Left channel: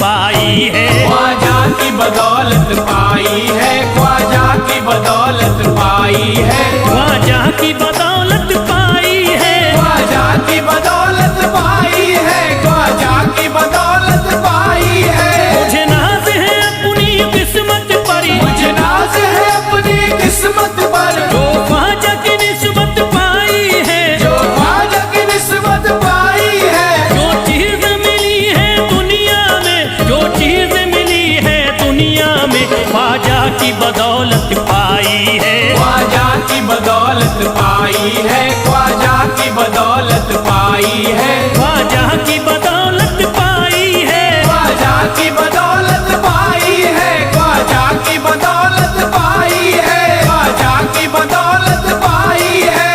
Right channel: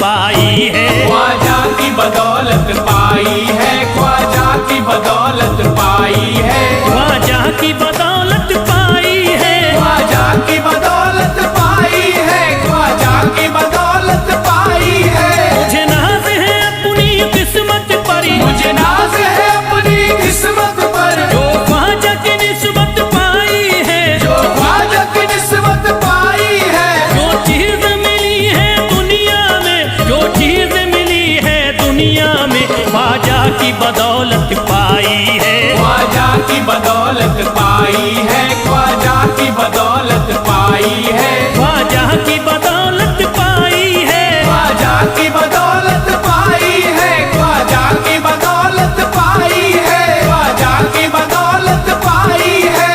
पाई है। ख्वाजा की बदौलत पाई है, ख्वाजा की बदौलत पाई है, ख्वाजा की बदौलत पाई है, ख्वाजा की बदौलत पाई है, ख्वाजा की बदौलत पाई है। मुझे नाज है अपनी किस्मत पर, मुझे नाज है अपनी किस्मत पर, जो ख्वाजा की निस्बत पाई है, जो ख्वाजा की निस्बत पाई है। जो चीज मिली है दुनिया में, जो चीज मिली है दुनिया में, ख्वाजा की बदौलत पाई है। ख्वाजा की बदौलत पाई है, ख्वाजा की बदौलत पाई है, ख्वाजा की बदौलत पाई है, ख्वाजा की बदौलत पाई है, ख्वाजा की बदौलत पाई है, ख्वाजा की बदौलत पाई है।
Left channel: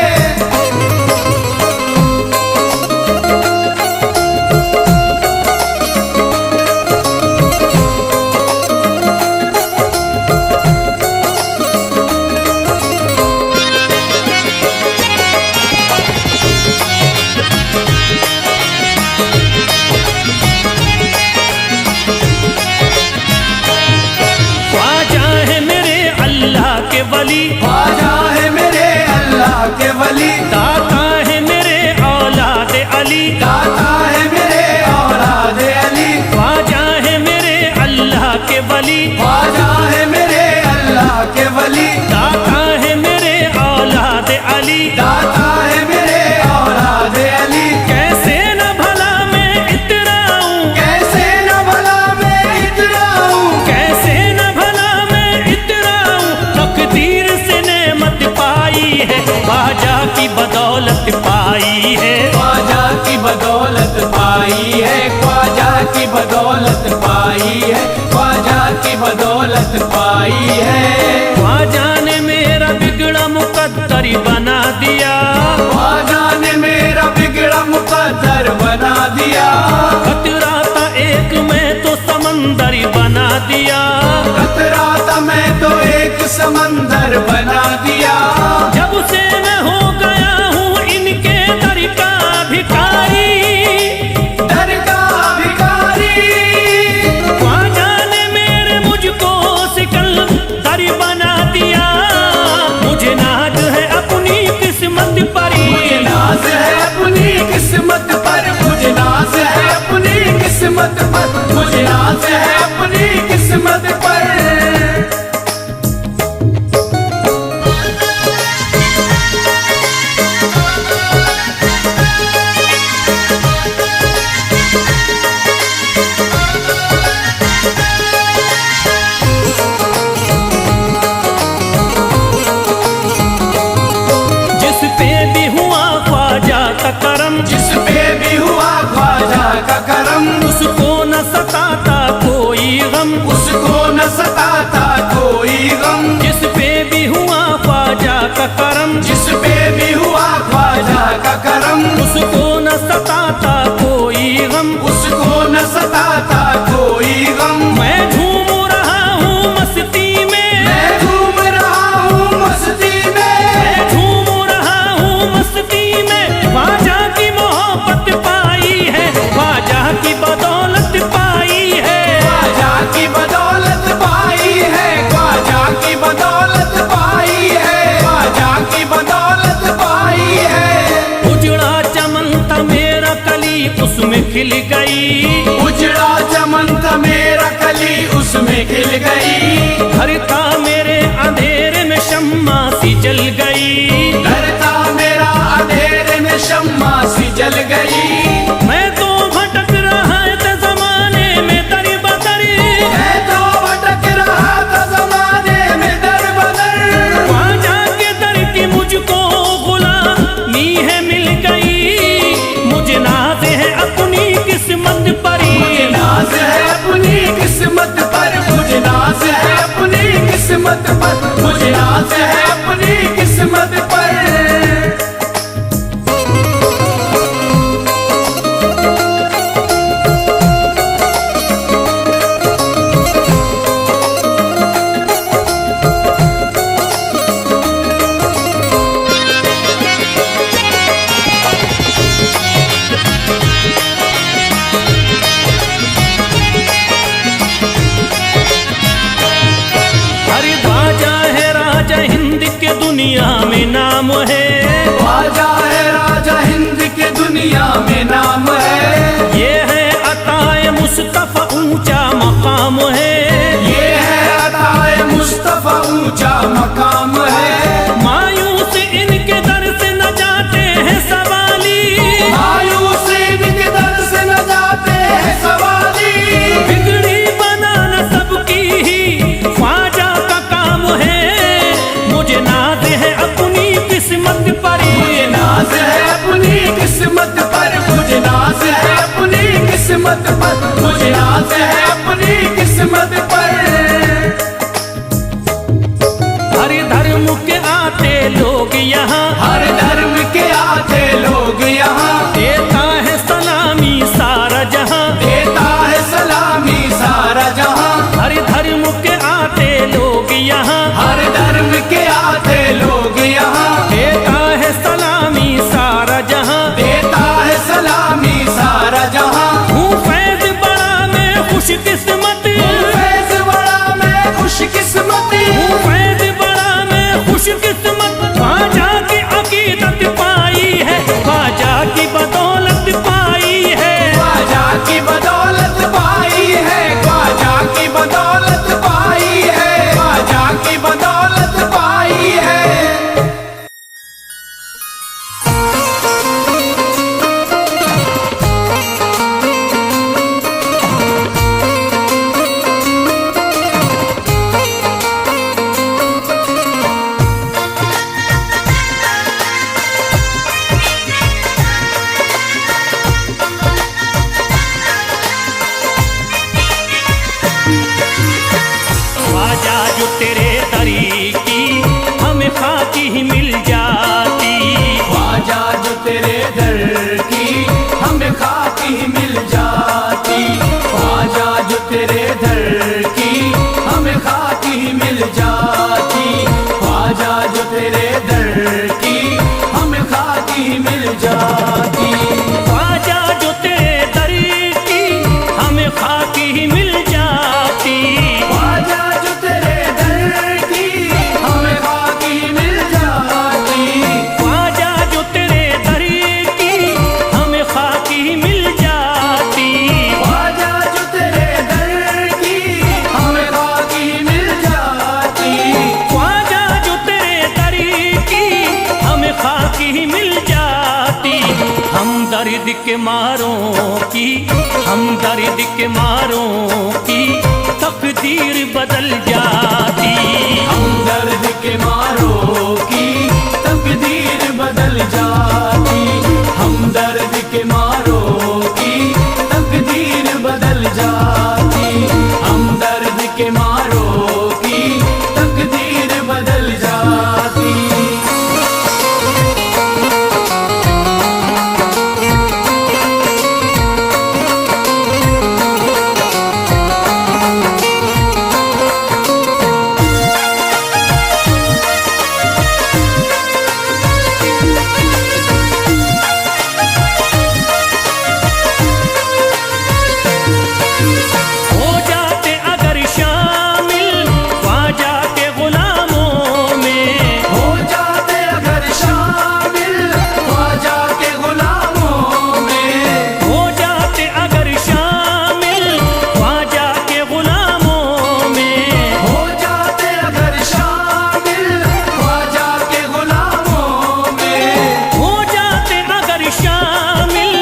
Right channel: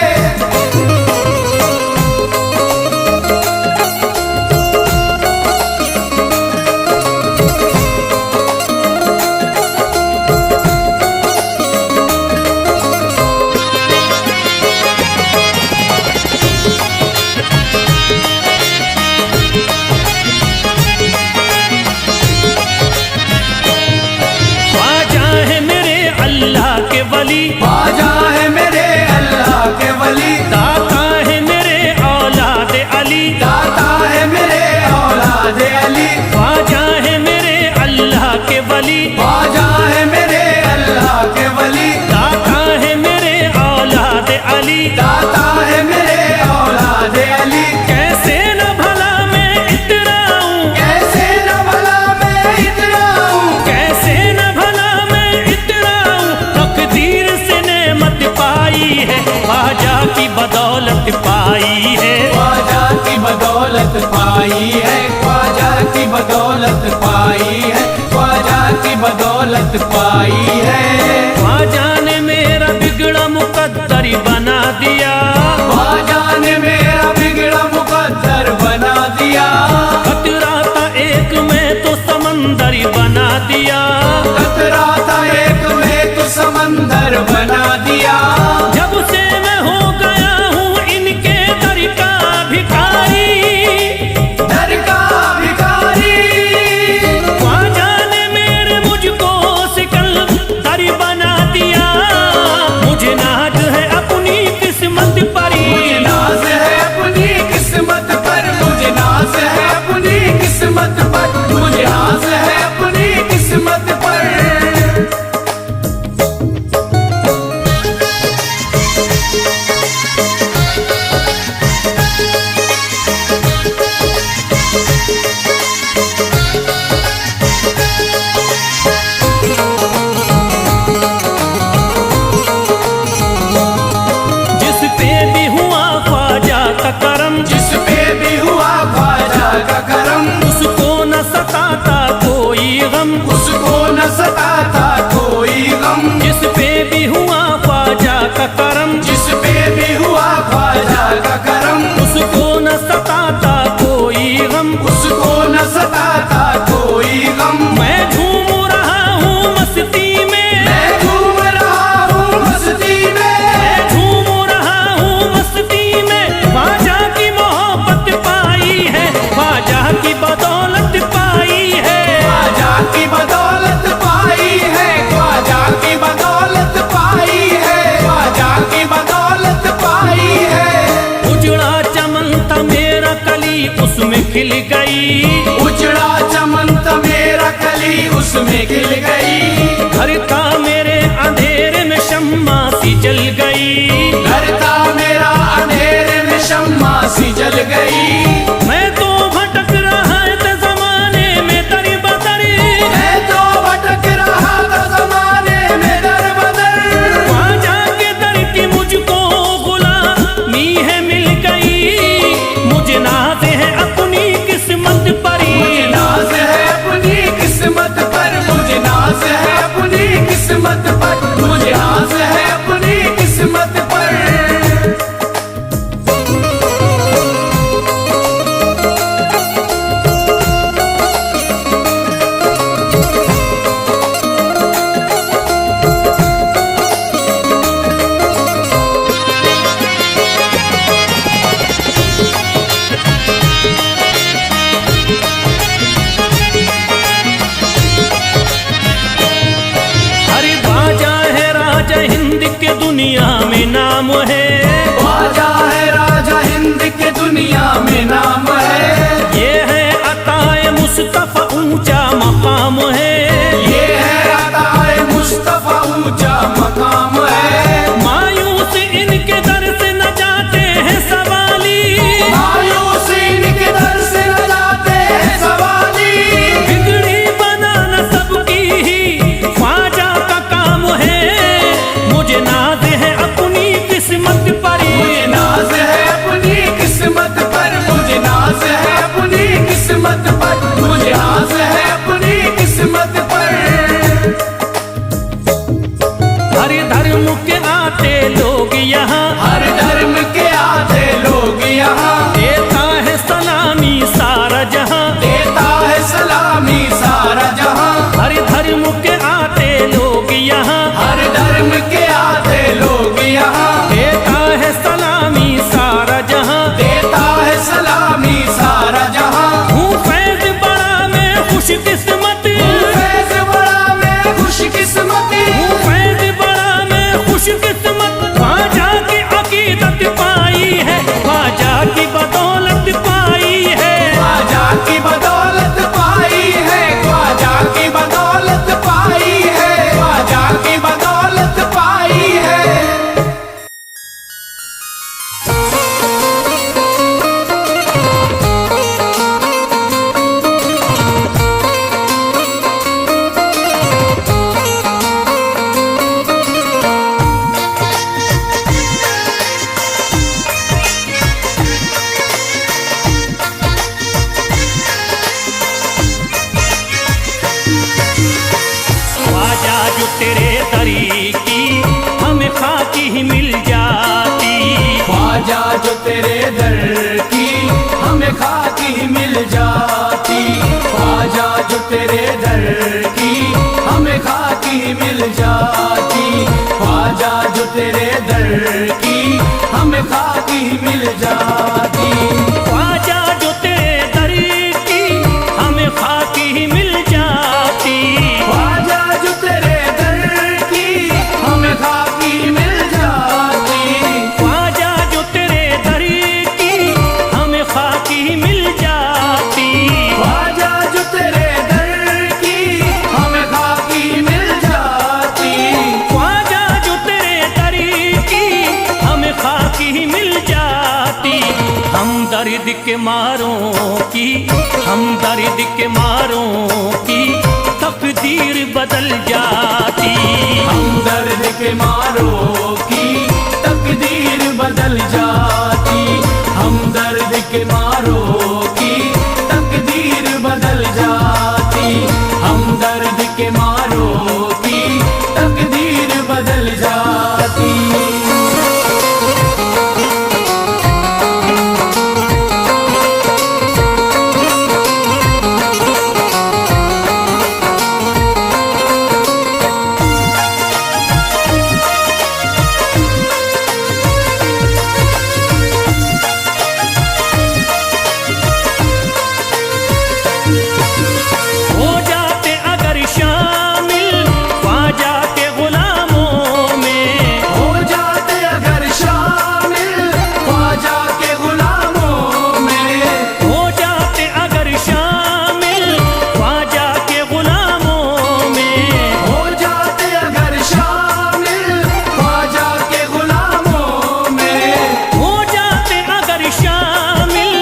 ख्वाजा है मेरे अल्लाह के वली, ख्वाजा है मेरे अल्लाह के वली, दाता है मेरे औलाद अली, दाता है मेरे औलाद अली, ख्वाजा है मेरे अल्लाह के वली, ख्वाजा है मेरे अल्लाह के वली, दाता है मेरे औलाद अली। दाता है मेरे औलाद अली। कैसे न भला मैं इतराऊं, कैसे न भला मैं इतराऊं, कैसे न भला मैं इतराऊं, तकदीर से नेमत पाई है, ख्वाजा की बदौलत पाई है। ख्वाजा की बदौलत पाई है, ख्वाजा की बदौलत पाई है, ख्वाजा की बदौलत पाई है। ख्वाजा ने मेरा बिगड़ा मुकद्दर बना दिया, ख्वाजा ने मेरा बिगड़ा मुकद्दर बना दिया, खतरा था एक मैं तो समंदर बना दिया, खतरा था मैं तो एक समंदर बना दिया। जब से मैं हो गया हूँ इनके दर का भिखारी, दर का भिखारी, ख्वाजा ने मेरे मुझको सिकंदर बना दिया। मुझे नाज है अपनी किस्मत पर, मुझे नाज है अपनी किस्मत पर, मुझे नाज है अपनी किस्मत पर, मुझे नाज है अपनी किस्मत पर। जिस पे भी हुआ ख्वाजा का करम, जिस पे भी हुआ ख्वाजा का करम, उसको न सताता कोई गम, उसको न सताता कोई गम। जिस पे भी हुआ ख्वाजा का करम, जिस पे भी हुआ ख्वाजा का करम, उसको न सताता कोई गम। उसको न सताता कोई गम। मैं झूम रहा हूँ मस्ती में, मैं घूम रहा हूँ मस्ती में, मैं झूम रहा हूँ मस्ती में, ख्वाजा की मोहब्बत पाई है, ख्वाजा की बदौलत पाई है। ख्वाजा की बदौलत पाई है, ख्वाजा की बदौलत पाई है, ख्वाजा की बदौलत पाई है। उजड़ा चमन था मेरा कली उसमें खिल गई, उजड़ा चमन था मेरा कली उसमें खिल गई, घर था मेरे अंधेरे में शम्मा सी जल गई, घर था मेरा अंधेरे में शम्मा सी जल गई। मैं तो भटक रहा था जमाने में दर बदर, मैं तो भटक रहा था जमाने में दर बदर, ख्वाजा के दर की मुझको गुलामी है मिल गई। मुझे नाज है अपनी किस्मत पर, मुझे नाज है अपनी किस्मत पर, मुझे नाज है अपनी किस्मत पर, मुझे नाज है अपनी किस्मत दुनिया में नाम है। ख्वाजा है राजा हिंद के दुनिया में नाम है। ये है अताए मुस्तफा ऊंचा मकाम है। ये है अताए मुस्तफा ऊंचा मकाम है। मायूस इनके दर से न जाते हैं सवाली। मायूस इनके दर से न जाते हैं सवाली। बिगड़ी बनाना सबकी ही ख्वाजा का काम है। मुझे नाज है अपनी किस्मत पर। मुझे नाज है अपनी किस्मत पर। मुझे नाज है अपनी किस्मत पर। मुझे नाज है अपनी किस्मत पर। हर धर्म के आते लोग यहाँ। हर धर्म के आते लोग यहाँ। देता है सलामी सारा जहाँ। देता है सलामी सारा जहाँ। हर धर्म के आते लोग यहाँ। हर धर्म के आते लोग यहाँ। देता है सलामी सारा जहाँ। देता है सलामी सारा जहाँ। हूँ फैज बड़ा मैं खुशकिस्मत। फैज़ बड़ा मैं खुशकिस्मत। हूँ फैज बड़ा मैं खुशकिस्मत। ख्वाजा की अकीदत पाई है। ख्वाजा की बदौलत पाई है। ख्वाजा की बदौलत पाई है। ख्वाजा की बदौलत पाई है। ख्वाजा की बदौलत पाई है। ख्वाजा जो तेरे दरी की हमें खाकी ही मिल जाती। ख्वाजा जो तेरे दर की हमें खाकी ही मिल जाती। ख्वाजा जो तेरे दर की हमें खाकी ही मिल जाती। ख्वाजा जो तेरे दर की हमें खाकी ही मिल जाती। ख्वाजा जो तेरे दरी की हमें खाकी ही मिल जाती। ख्वाजा जो तेरे दर की हमें खाकी मिल जाती। ख्वाजा जो तेरे दरी की हमें खाकी ही मिल जाती। ख्वाजा जो तेरे दर की हमें खाकी मिल जाती। ख्वाजा जो तेरे दरी की हमें खाकी ही मिल जाती। हम दर्द के मारों की, हम दर्द के मारों की तकदीर बदल जाती। हम दर्द के मारों की तकदीर बदल जाती। हम दर्द के मारों की तकदीर बदल जाती। हम दर्द के मारों की तकदीर बदल जाती। हो जाते अगर शामिल ख्वाजा के गुलामों में। हो जाते अगर शामिल ख्वाजा के गुलामों में। हो जाते अगर शामिल ख्वाजा के गुलामों में। हो जाते अगर शामिल ख्वाजा के गुलामों में। हो जाते अगर शामिल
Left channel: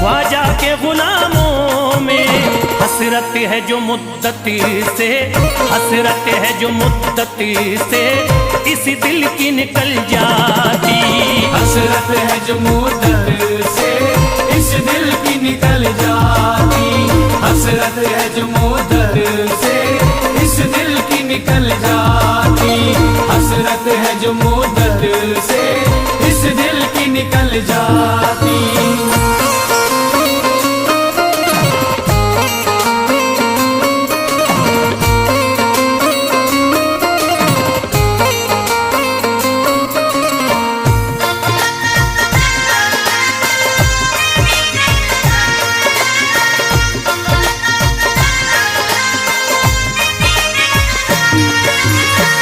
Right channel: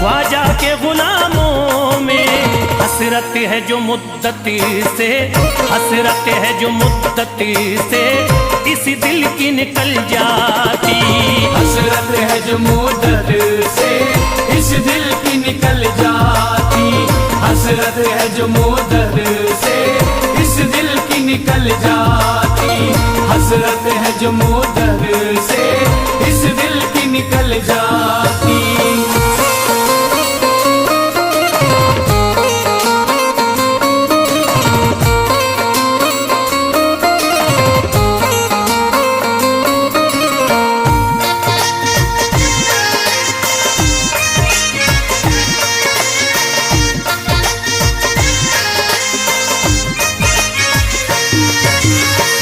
ख्वाजा के गुलामों में। हसरत है जो मुद्दत से, हसरत है जो मुद्दत से इस दिल की निकल जाती। हसरत है जो मुद्दत से इस दिल की निकल जाती। हसरत है जो मुद्दत से इस दिल की निकल जाती। हसरत है जो मुद्दत से इस दिल की निकल जाती।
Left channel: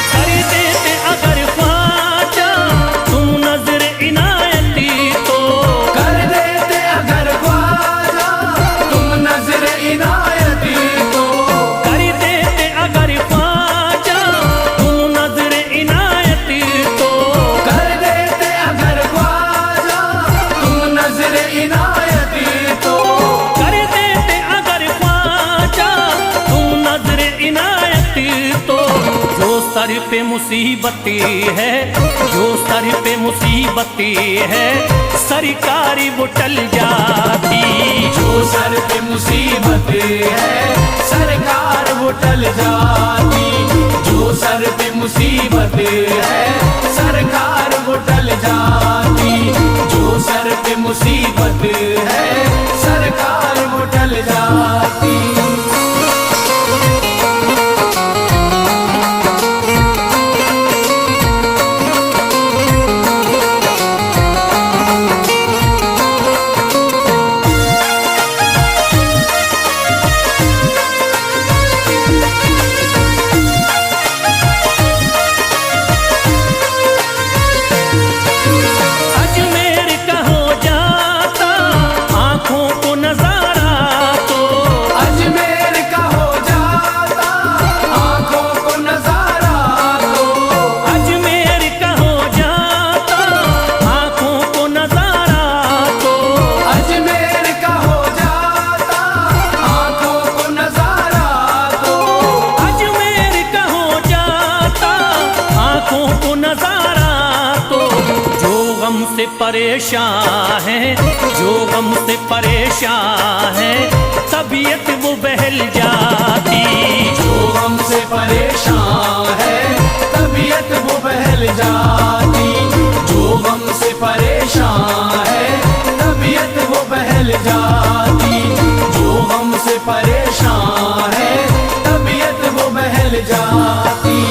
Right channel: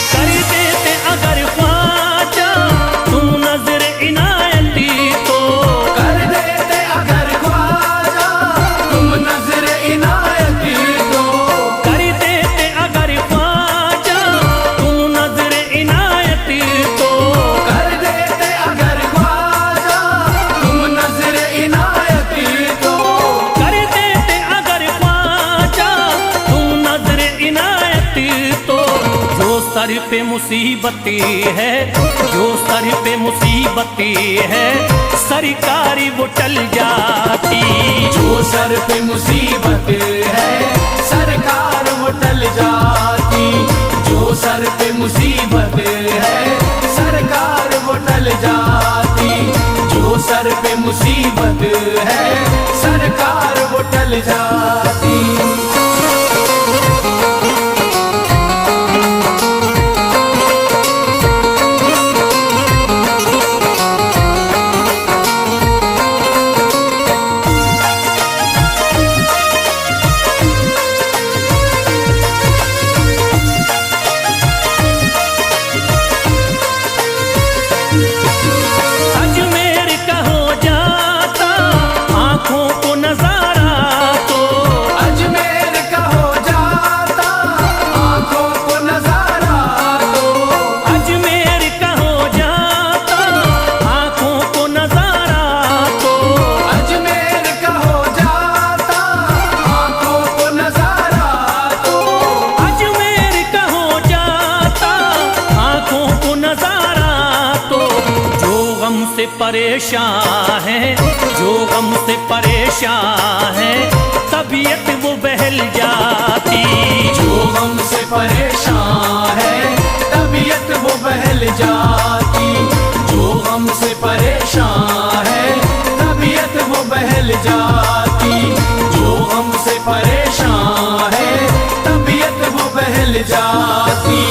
कर देते अगर ख्वाजा सर पे मुसीबतें है, जो सर पे मुसीबतें है, सरकारी वो टल जाती। जो सर पे मुसीबत है सरकार वो टल जाती। जो सर पे मुसीबत है सरकार वो टल जाती। जो सर पे मुसीबत है सरकार वो टल जाती। से परेशान है, जो गम से परेशान है, तबीयत वो बहल जाती। जो गम से परेशान है तबीयत वो बहल जाती। जो गम से परेशान है तबीयत वो बहल जाती। जो गम से परेशान है तबीयत वो बहल जाती।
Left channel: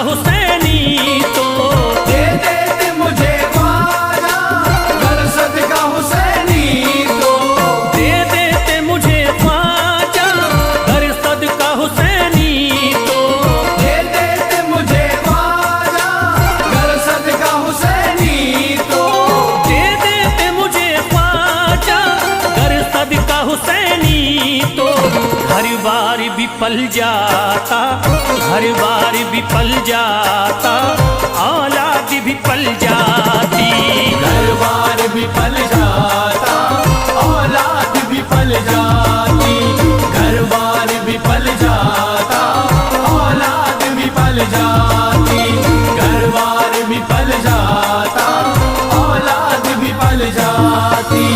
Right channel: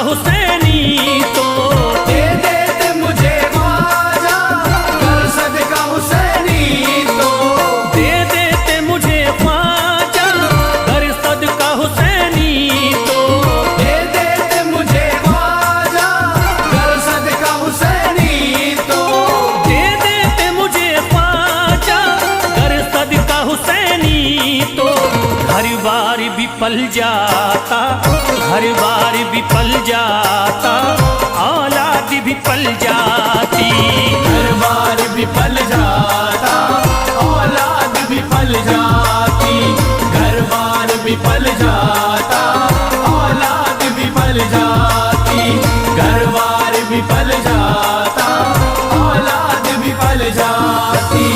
हुसैनी तो दे दे मुझे ख्वाजा कर सदका हुसैनी तो। दे देते मुझे ख्वाजा कर सदका हुसैनी तो। दे देते मुझे ख्वाजा कर सदका हुसैनी तो। दे देते मुझे ख्वाजा कर सदका हुसैनी तो। हर बार भी पल जाता, हर बार भी पल जाता, औलाद भी पल जाती। हर बार भी पल जाता औलाद भी पल जाती। हर बार भी पल जाता औलाद भी पल जाती। हर बार भी पल जाता औलाद भी पल जाती।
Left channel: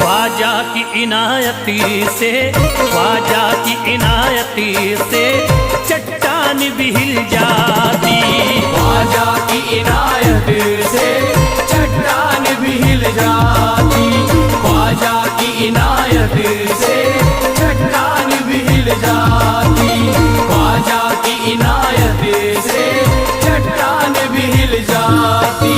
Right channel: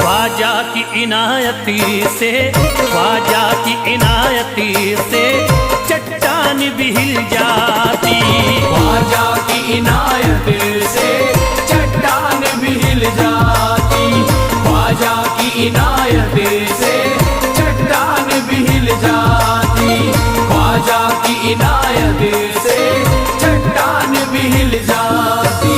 ख्वाजा की इनायती से, ख्वाजा की इनायती से चट्टान भी हिल जाती। ख्वाजा की इनायत से चट्टान भी हिल जाती। ख्वाजा की इनायत से चट्टान भी हिल जाती। ख्वाजा की इनायत से चट्टान भी हिल जाती।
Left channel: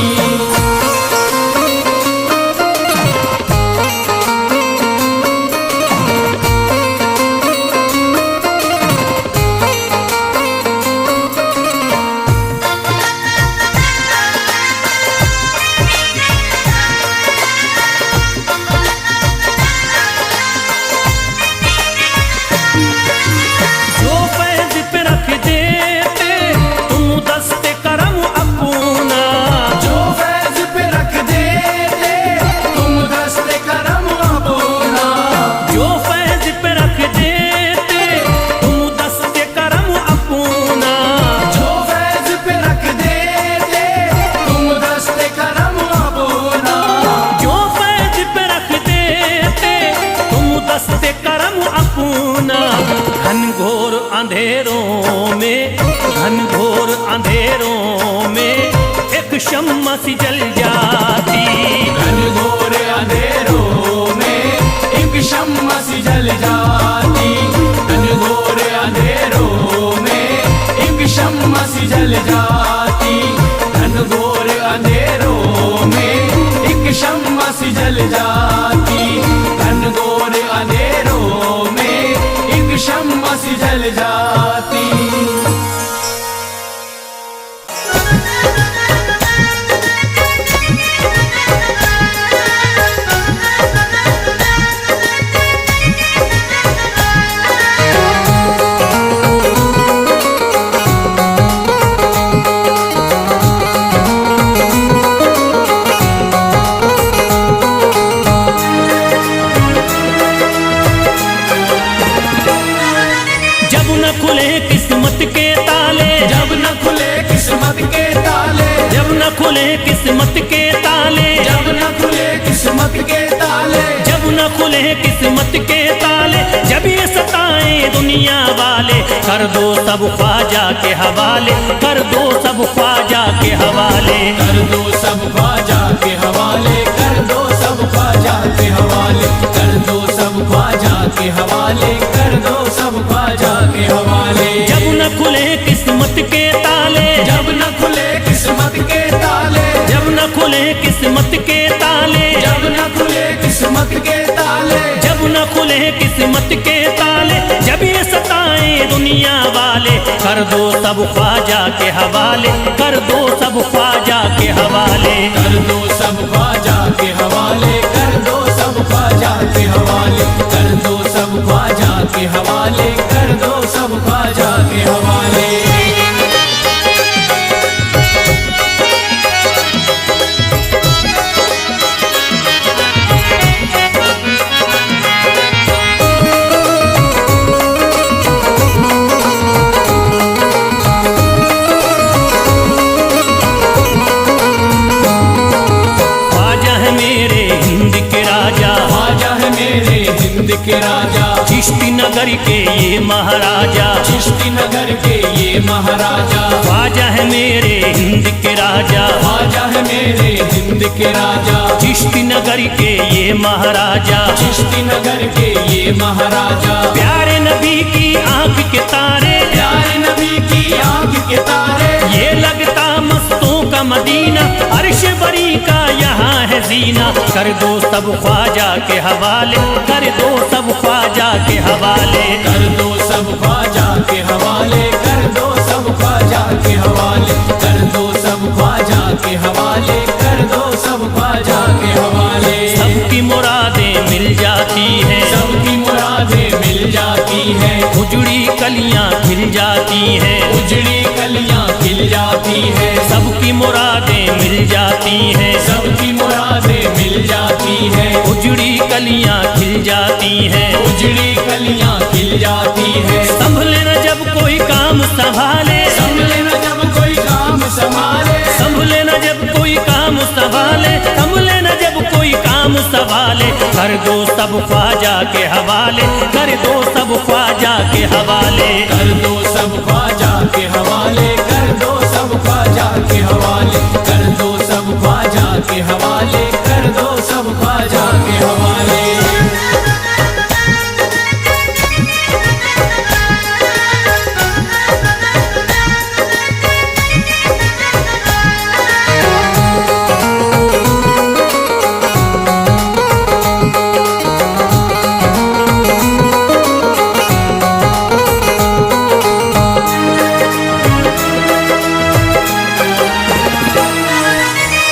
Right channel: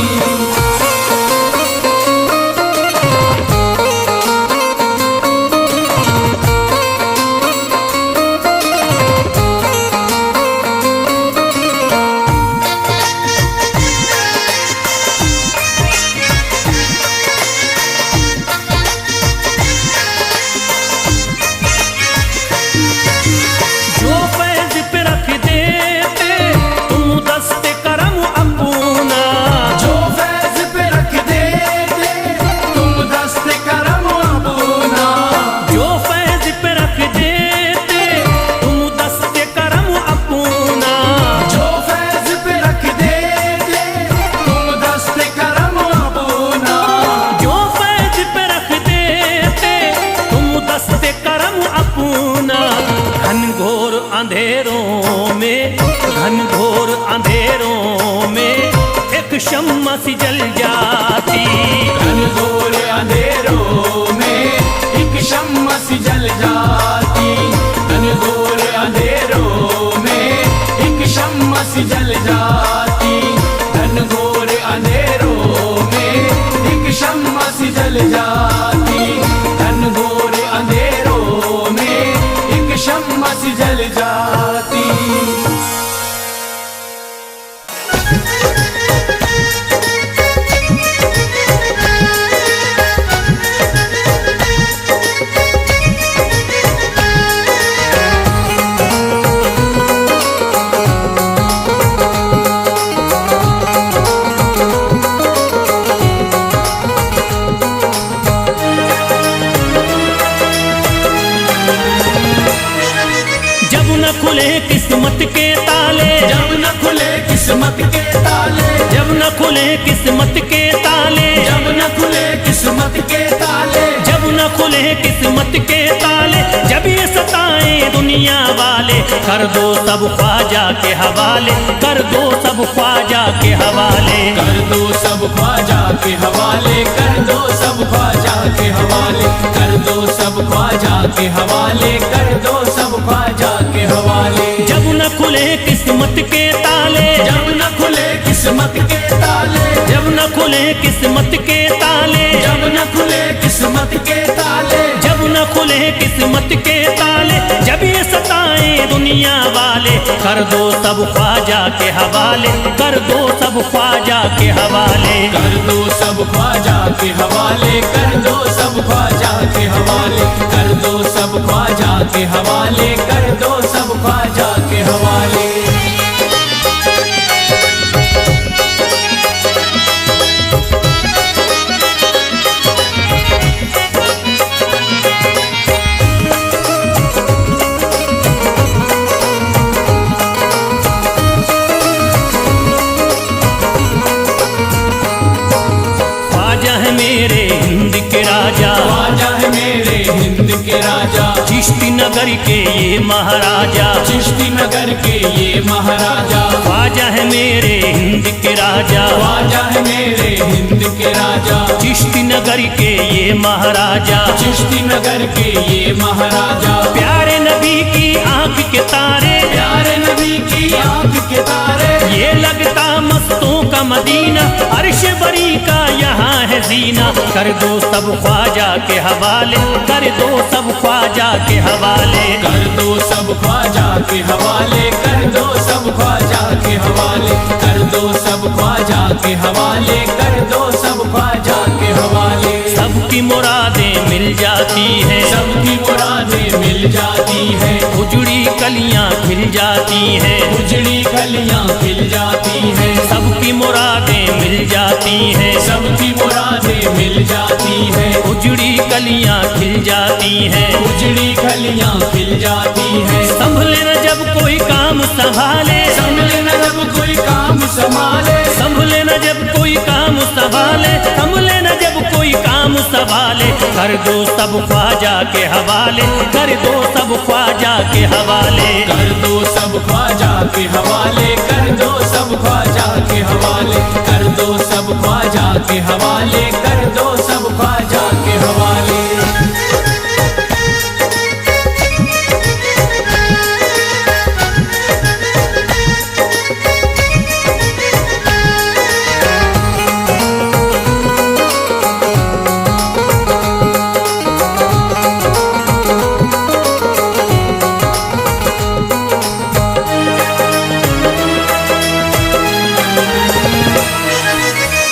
घनघोर अंधेरों में, घनघोर अंधेरों में एक शम्मा सी जल जाती। घनघोर अंधेरों में एक शम्मा सी जल जाती। घनघोर अंधेरों में एक शम्मा सी जल जाती। घनघोर अंधेरों में एक शम्मा सी जल जाती। घनघोर अंधेरों में एक शम्मा सी जल जाती। जब न खुले किस्मत के ताले, जब न खुले किस्मत के ताले, जब न खुले किस्मत के ताले, जब न खुले किस्मत के ताले, जब न खुले किस्मत के ताले, जब ये सताएं दुनिया वाले, कर दो सब ख्वाजा के हवाले, कर दो सब ख्वाजा के हवाले। कर दो सब ख्वाजा के हवाले, कर दो सब ख्वाजा के हवाले, कर दो सब ख्वाजा के हवाले, कर दो सब ख्वाजा के हवाले। जब न खुले किस्मत के ताले, जब न खुले किस्मत के ताले, जब न खुले किस्मत के ताले, जब न खुले किस्मत के ताले, जब न खुले किस्मत के ताले, जब ये सताएं दुनिया वाले, कर दो सब ख्वाजा के हवाले, कर दो सब ख्वाजा के हवाले। कर दो सब ख्वाजा के हवाले, कर दो सब ख्वाजा के हवाले, कर दो सब ख्वाजा के हवाले, कर दो सब ख्वाजा के हवाले। ख्वाजा है मेरे हिंद के राजा, ख्वाजा है मेरे हिंद के राजा, चिश्ती नगर के ये महाराजा, चिश्ती नगर के ये महाराजा। ख्वाजा है मेरे हिंद के राजा, ख्वाजा है मेरे हिंद के राजा, चिश्ती नगर के ये महाराजा। चिश्ती नगर के ये महाराजा। प्यारे नबी की आंख के तारे, प्यारे नबी की आंख के तारे, ये लगता मस्तों का मदीना, अर्श बरी का यहाँ है जीना। कर दो सब ख्वाजा के हवाले, कर दो सब ख्वाजा के हवाले। कर दो सब ख्वाजा के हवाले, कर दो सब ख्वाजा के हवाले, कर दो सब ख्वाजा के हवाले, कर दो सब ख्वाजा के हवाले। सबकी मुरादें मिल जाती हैं, सबकी मुरादें मिल जाती हैं, उजड़ी कलियां खिल जाती हैं, उजड़ी कलियां खिल जाती हैं। सबकी मुरादें मिल जाती हैं, सबकी मुरादें मिल जाती हैं, उजड़ी कलियां खिल जाती हैं। उजड़ी कलियां खिल जाती हैं। संभले न जब कोई काम संभाले, संभले न जब कोई काम संभाले, संभले न जब कोई काम संभाले, संभले न जब कोई काम संभाले। कर दो सब ख्वाजा के हवाले, कर दो सब ख्वाजा के हवाले। कर दो सब ख्वाजा के हवाले, कर दो सब ख्वाजा के हवाले, कर दो सब ख्वाजा के हवाले, कर दो सब ख्वाजा के हवाले।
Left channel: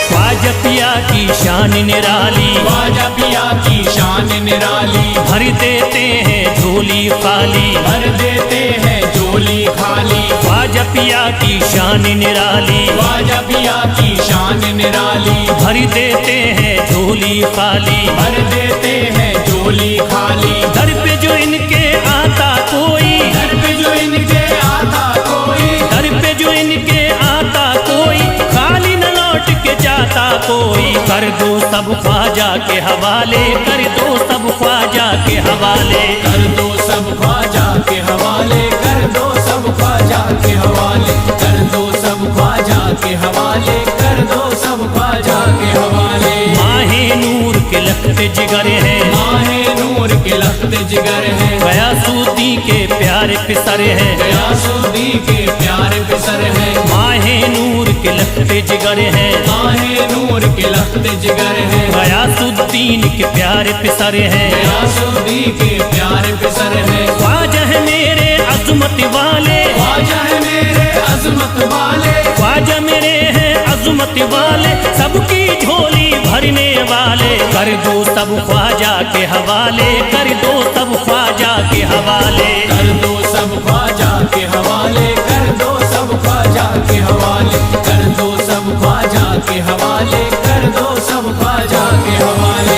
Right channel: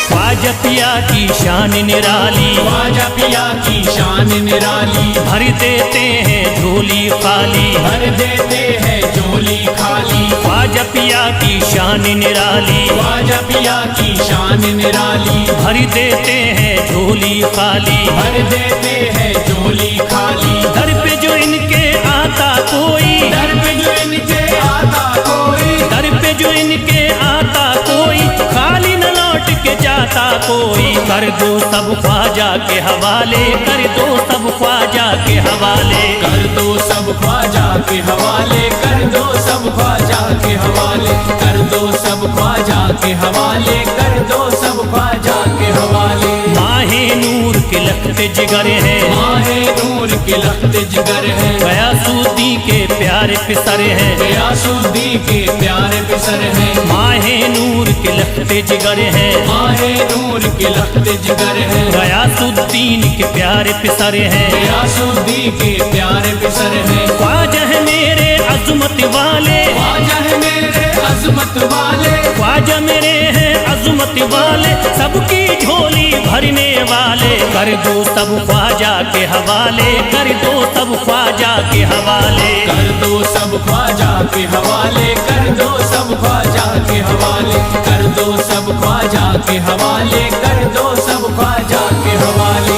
ख्वाजा पिया की शान निराली, ख्वाजा पिया की शान निराली, भर देते हैं झोली खाली, भर देते हैं झोली खाली। ख्वाजा पिया की शान निराली, ख्वाजा पिया की शान निराली, भर देते हैं झोली खाली, भर देते हैं झोली खाली। दर पे जो इनके आता कोई, दर पे जो इनके आता कोई, दर पे जो इनके आता कोई, खाली न लौट के जाता जाता कोई, कर दो सब ख्वाजा के हवाले, कर दो सब ख्वाजा के हवाले। कर दो सब ख्वाजा के हवाले, कर दो सब ख्वाजा के हवाले, कर दो सब ख्वाजा के हवाले, कर दो सब ख्वाजा के हवाले। माहे नूर के लखते जिगर हैं, माहे नूर के लखते जिगर हैं, गयासुद्दीन के प्यारे पिसर हैं, गयासुद्दीन के प्यारे पिसर हैं। माहे नूर के लखते जिगर हैं, माहे नूर के लखते जिगर हैं, गयासुद्दीन के प्यारे पिसर हैं, गयासुद्दीन के प्यारे पिसर हैं। ख्वाजा है मेरे अज़मत वाले, ख्वाजा है मेरे अज़मत वाले, ख्वाजा मेरे हैं अज़मत वाले, सबकी झोली भरने वाले। कर दो सब ख्वाजा के हवाले, कर दो सब ख्वाजा के हवाले। कर दो सब ख्वाजा के हवाले, कर दो सब ख्वाजा के हवाले, कर दो सब ख्वाजा के हवाले, कर दो सब ख्वाजा के हवाले।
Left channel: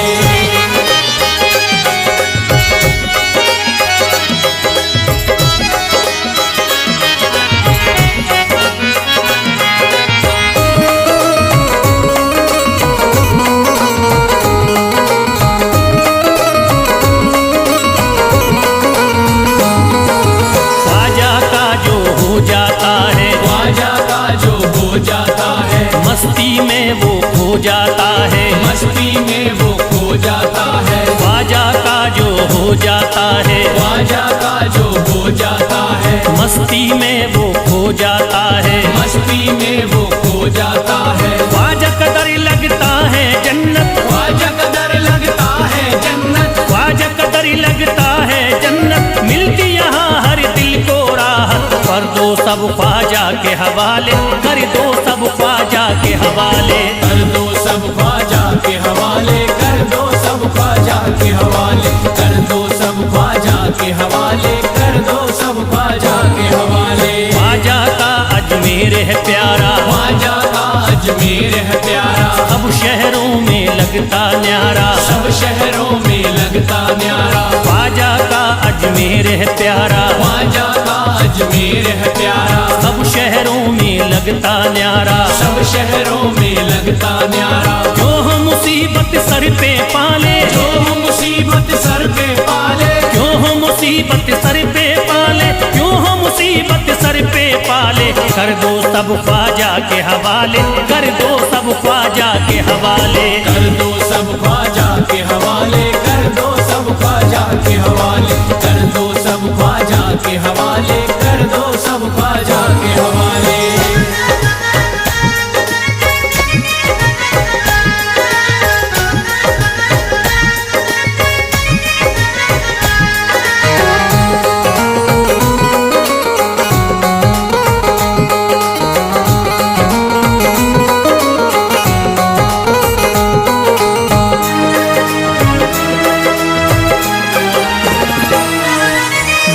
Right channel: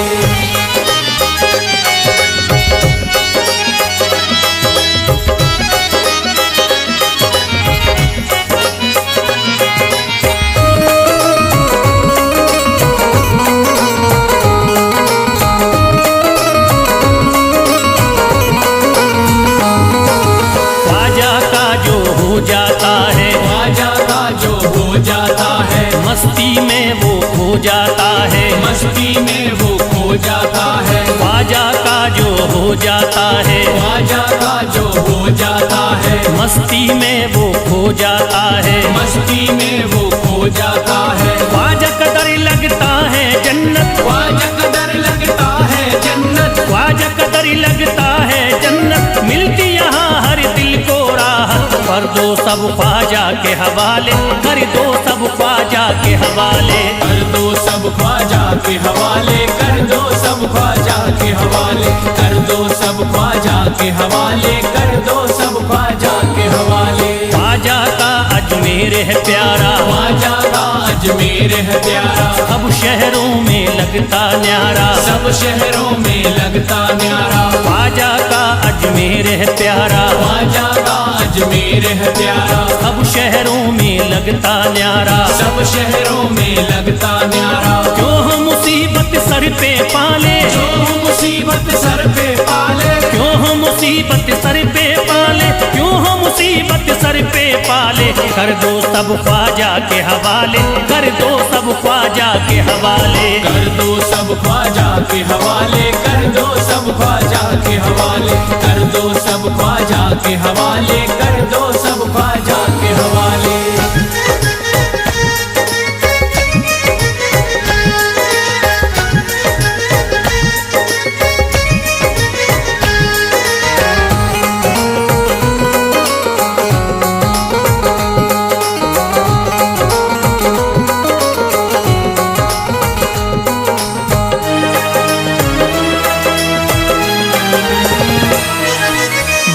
जाता है ख्वाजा का जो हो जाता है, मस्ती में वो खो जाता है, मस्ती में वो खो जाता है। ख्वाजा का जो हो जाता है, ख्वाजा का जो हो जाता है, मस्ती में वो खो जाता है, मस्ती में वो खो जाता है। ख्वाजा कदर लगता है जन्नत, ख्वाजा कदर लगता है जन्नत, ख्वाजा कदर लगता है जन्नत, मिलती यहाँ हर दिल को राहत। कर दो सब ख्वाजा के हवाले, कर दो सब ख्वाजा के हवाले। कर दो सब ख्वाजा के हवाले, कर दो सब ख्वाजा के हवाले, कर दो सब ख्वाजा के हवाले, कर दो सब ख्वाजा के हवाले। ख्वाजा का अजमेर है प्यारा, ख्वाजा का अजमेर है प्यारा, सब शहरों में लगता न्यारा, सब शहरों में लगता न्यारा। ख्वाजा का अजमेर है प्यारा, ख्वाजा का अजमेर है प्यारा, सब शहरों में लगता न्यारा, सब शहरों में लगता न्यारा। जो हम मुसीबत सर पे पाले, जो मुसीबत सर पे पाले, क्यों हम मुसीबत सर पे पाले, क्यों हम मुसीबत सर पे पाले। कर दो सब ख्वाजा के हवाले, कर दो सब ख्वाजा के हवाले। कर दो सब ख्वाजा के हवाले, कर दो सब ख्वाजा के हवाले, कर दो सब ख्वाजा के हवाले, कर दो सब ख्वाजा के हवाले।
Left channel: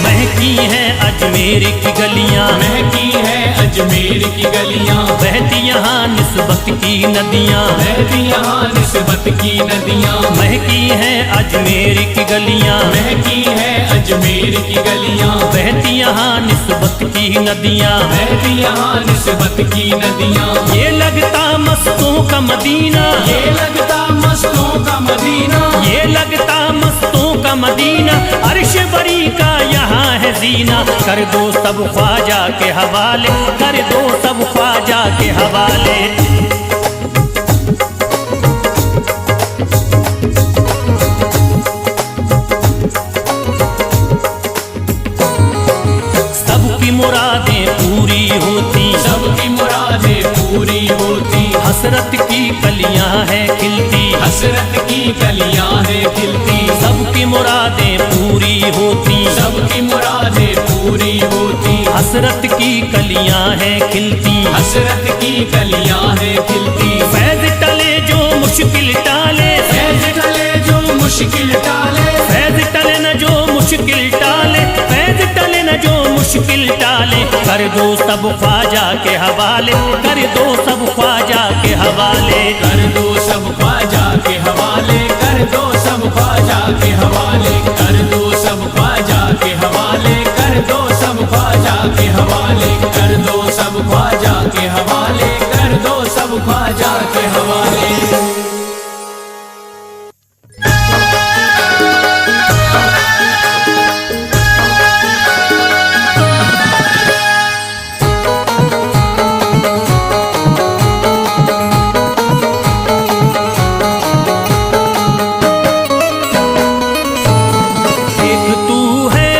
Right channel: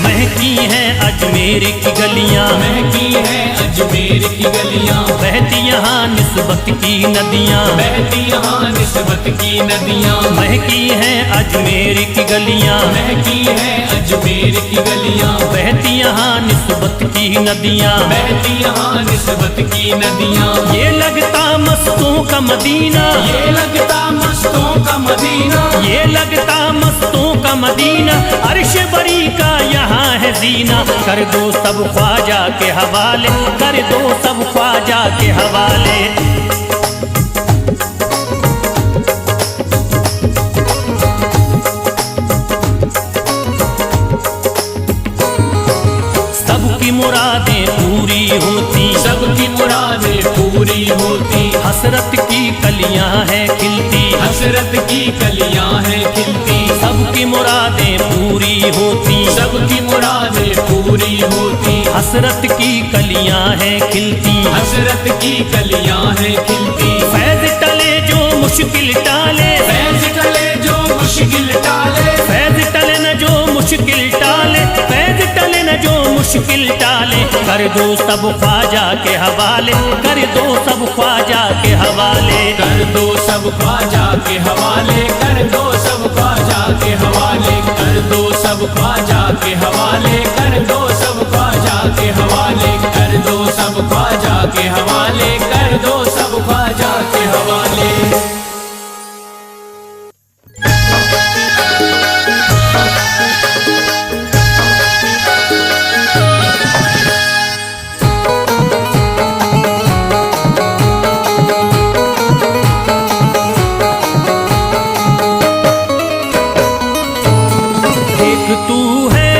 महकी हैं अजमेर की गलियां, महकी है अजमेर की गलियां, बहती यहाँ निस्बत की नदियाँ, बहती यहाँ निस्बत की नदियां। महकी हैं अजमेर की गलियां, महकी है अजमेर की गलियां, बहती यहाँ निस्बत की नदियाँ, बहती यहाँ निस्बत की नदियां। ये लगता मस्तों का मदीना, ये लगता मस्तों का मदीना, ये लगता मस्तों का मदीना, अर्श बरी का यहाँ है जीना। कर दो सब ख्वाजा के हवाले, कर दो सब ख्वाजा के हवाले। सबकी मुरादें पूरी होती, सबकी मुरादें पूरी होती, हसरत की कलियां हैं खिलती, हसरत की कलियां हैं खिलती। सबकी मुरादें पूरी होती, सबकी मुरादें पूरी होती, हसरत की कलियां हैं खिलती, हसरत की कलियां हैं खिलती। फैज टले जो मुश्किल टाले, फैज टले जो मुश्किल टाले, फैज टले न जो मुश्किल टाले, फैज टले न जो मुश्किल टाले। कर दो सब ख्वाजा के हवाले, कर दो सब ख्वाजा के हवाले। कर दो सब ख्वाजा के हवाले, कर दो सब ख्वाजा के हवाले, कर दो सब ख्वाजा के हवाले, कर दो सब ख्वाजा के हवाले, कर दो सब ख्वाजा के हवाले, कर दो सब ख्वाजा के हवाले। एक तू है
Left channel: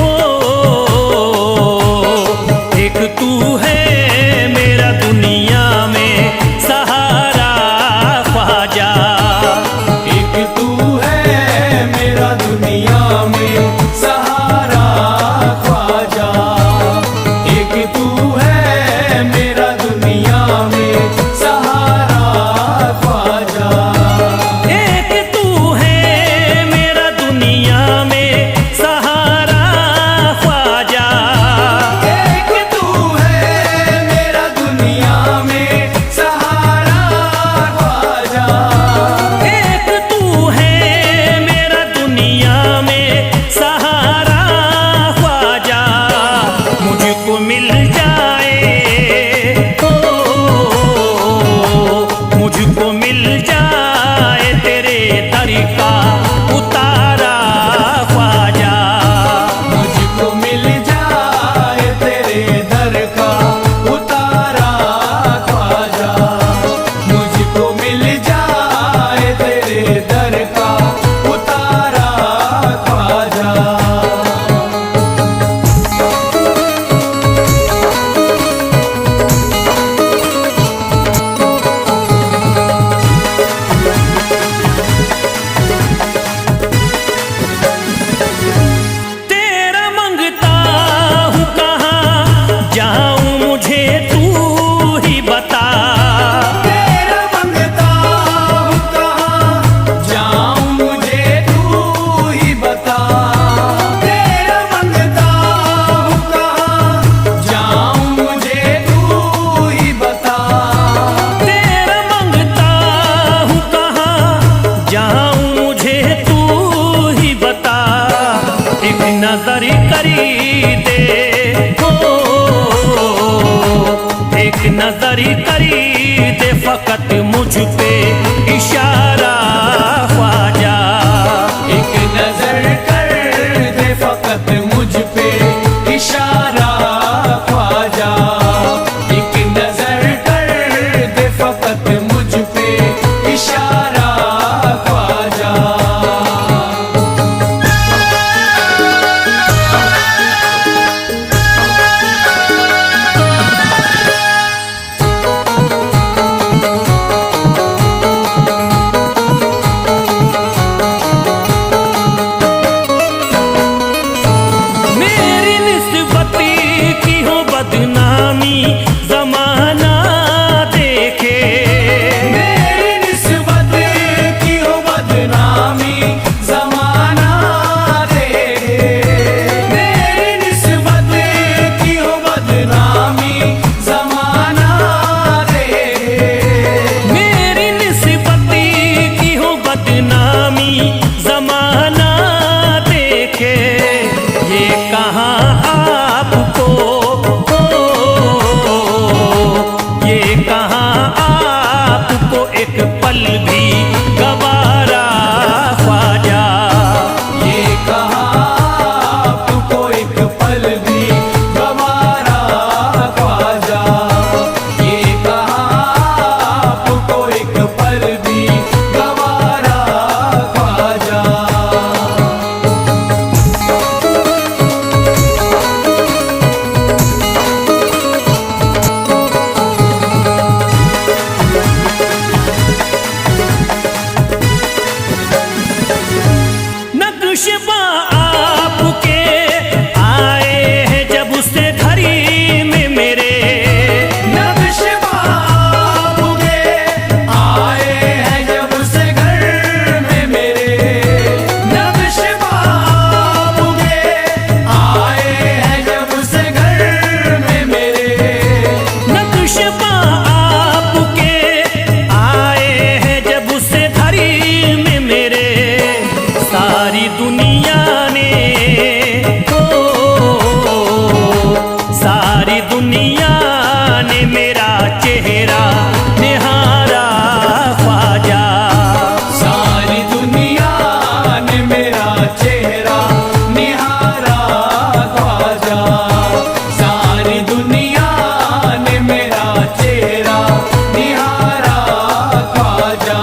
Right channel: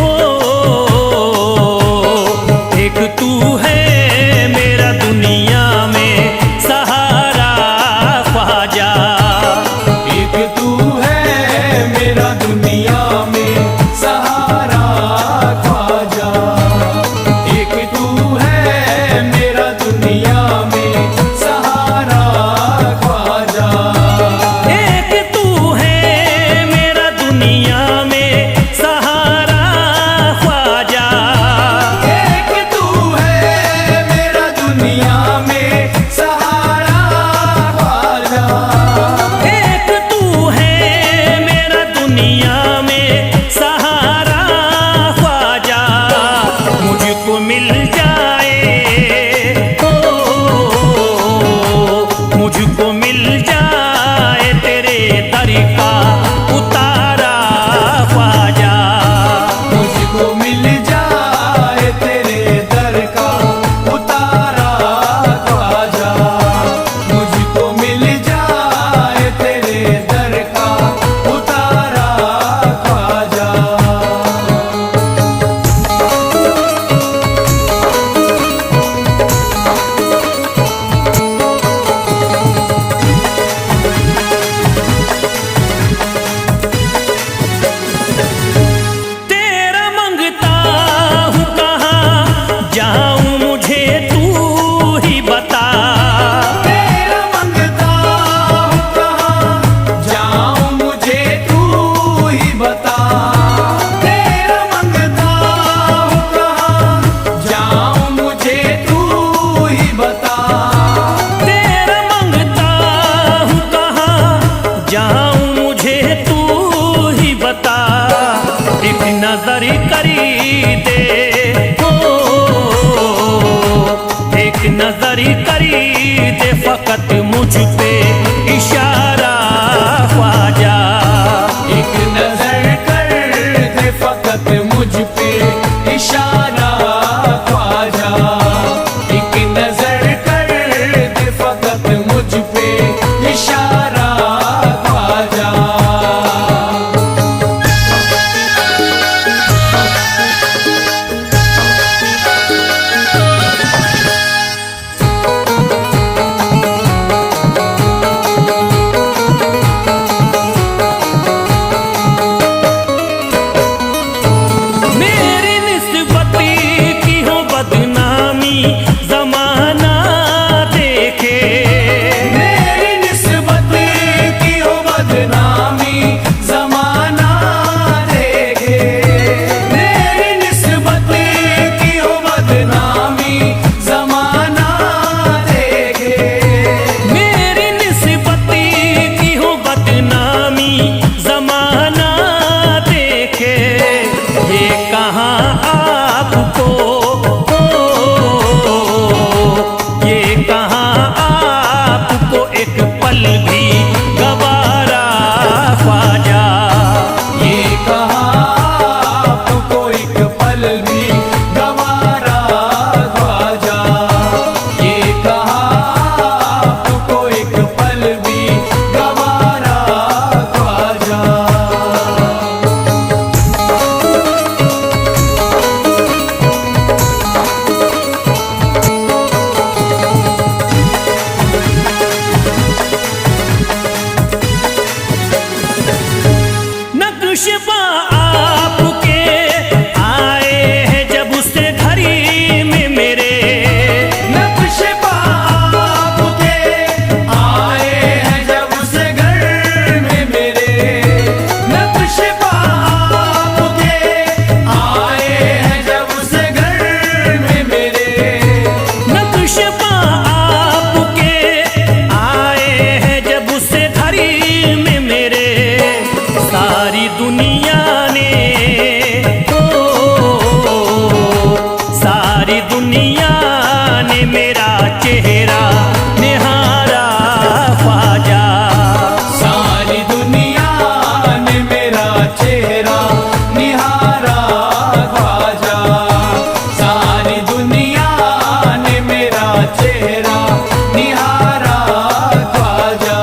ओ, एक तू है मेरा दुनिया में सहारा ख्वाजा। एक तू है मेरा दुनिया में सहारा ख्वाजा। एक तू है मेरा दुनिया में सहारा ख्वाजा। एक तू है मेरा दुनिया में सहारा ख्वाजा। एक तू है मेरा दुनिया में सहारा ख्वाजा। एक तू है मेरा दुनिया में सहारा ख्वाजा। मुझको मिल जाए ओ, मुझको मिल जाए तेरे दर का उतारा ख्वाजा। मुझको मिल जाए तेरे दर का उतारा ख्वाजा। मुझको मिल जाए तेरे दर का उतारा ख्वाजा। तेरा मंगता हूँ कहाँ जाऊँ मुझे तू ही बता। तेरा मंगता हूँ कहाँ जाऊँ मुझे तू ही बता। तेरा मंगता हूँ कहाँ जाऊँ मुझे तू ही बता। तेरा मंगता हूँ कहाँ जाऊँ मुझे तू ही बता। एक नजर करी दे ओ, एक नजर करी दे फकत मुझ पे इशारा ख्वाजा। एक नजर कर दे फकत मुझ पे इशारा ख्वाजा। एक नजर कर दे फकत मुझ पे इशारा ख्वाजा। मेरी निस्बत की हो बदनामी जमाना देखे। मेरी निस्बत की हो बदनामी जमाना देखे। मेरी निस्बत की हो बदनामी जमाना देखे। मेरी निस्बत की हो बदनामी जमाना देखे। ये कहाँ आपको ओ, ये कहाँ आपको एक पल भी गवारा ख्वाजा। ये कहाँ आपको एक पल भी गवारा ख्वाजा। ये कहाँ आपको एक पल भी गवारा ख्वाजा। नक्शबा आपके आए हैं जब से घड़ी में मेरे। नक्शबा आपके आए हैं जब से घर में मेरे। नक्शबा आपके आए हैं जब से घर में मेरे। नक्शबा आपके आए हैं जब से घड़ी में मेरे। सारी दुनिया ने ओ, सारी दुनिया ने मेरा चेहरा निहारा ख्वाजा। सारी दुनिया ने मेरा चेहरा निहारा ख्वाजा। सारी दुनिया ने मेरा चेहरा निहारा ख्वाजा।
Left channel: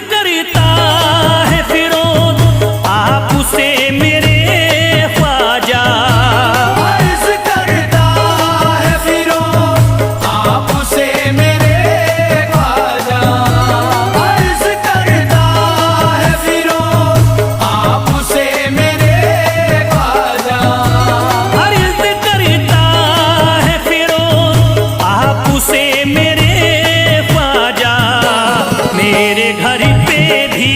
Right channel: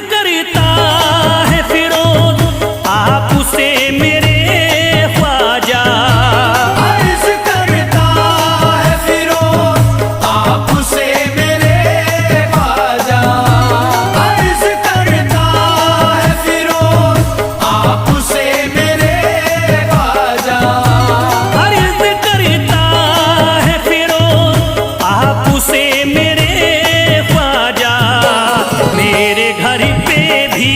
करता है फिरोज आपसे मेरे ख्वाजा। अर्ज करता है फिरोज आपसे मेरे ख्वाजा। अर्ज करता है फिरोज आपसे मेरे ख्वाजा। अर्ज करता है फिरोज आपसे मेरे ख्वाजा। मेरे घर पे भी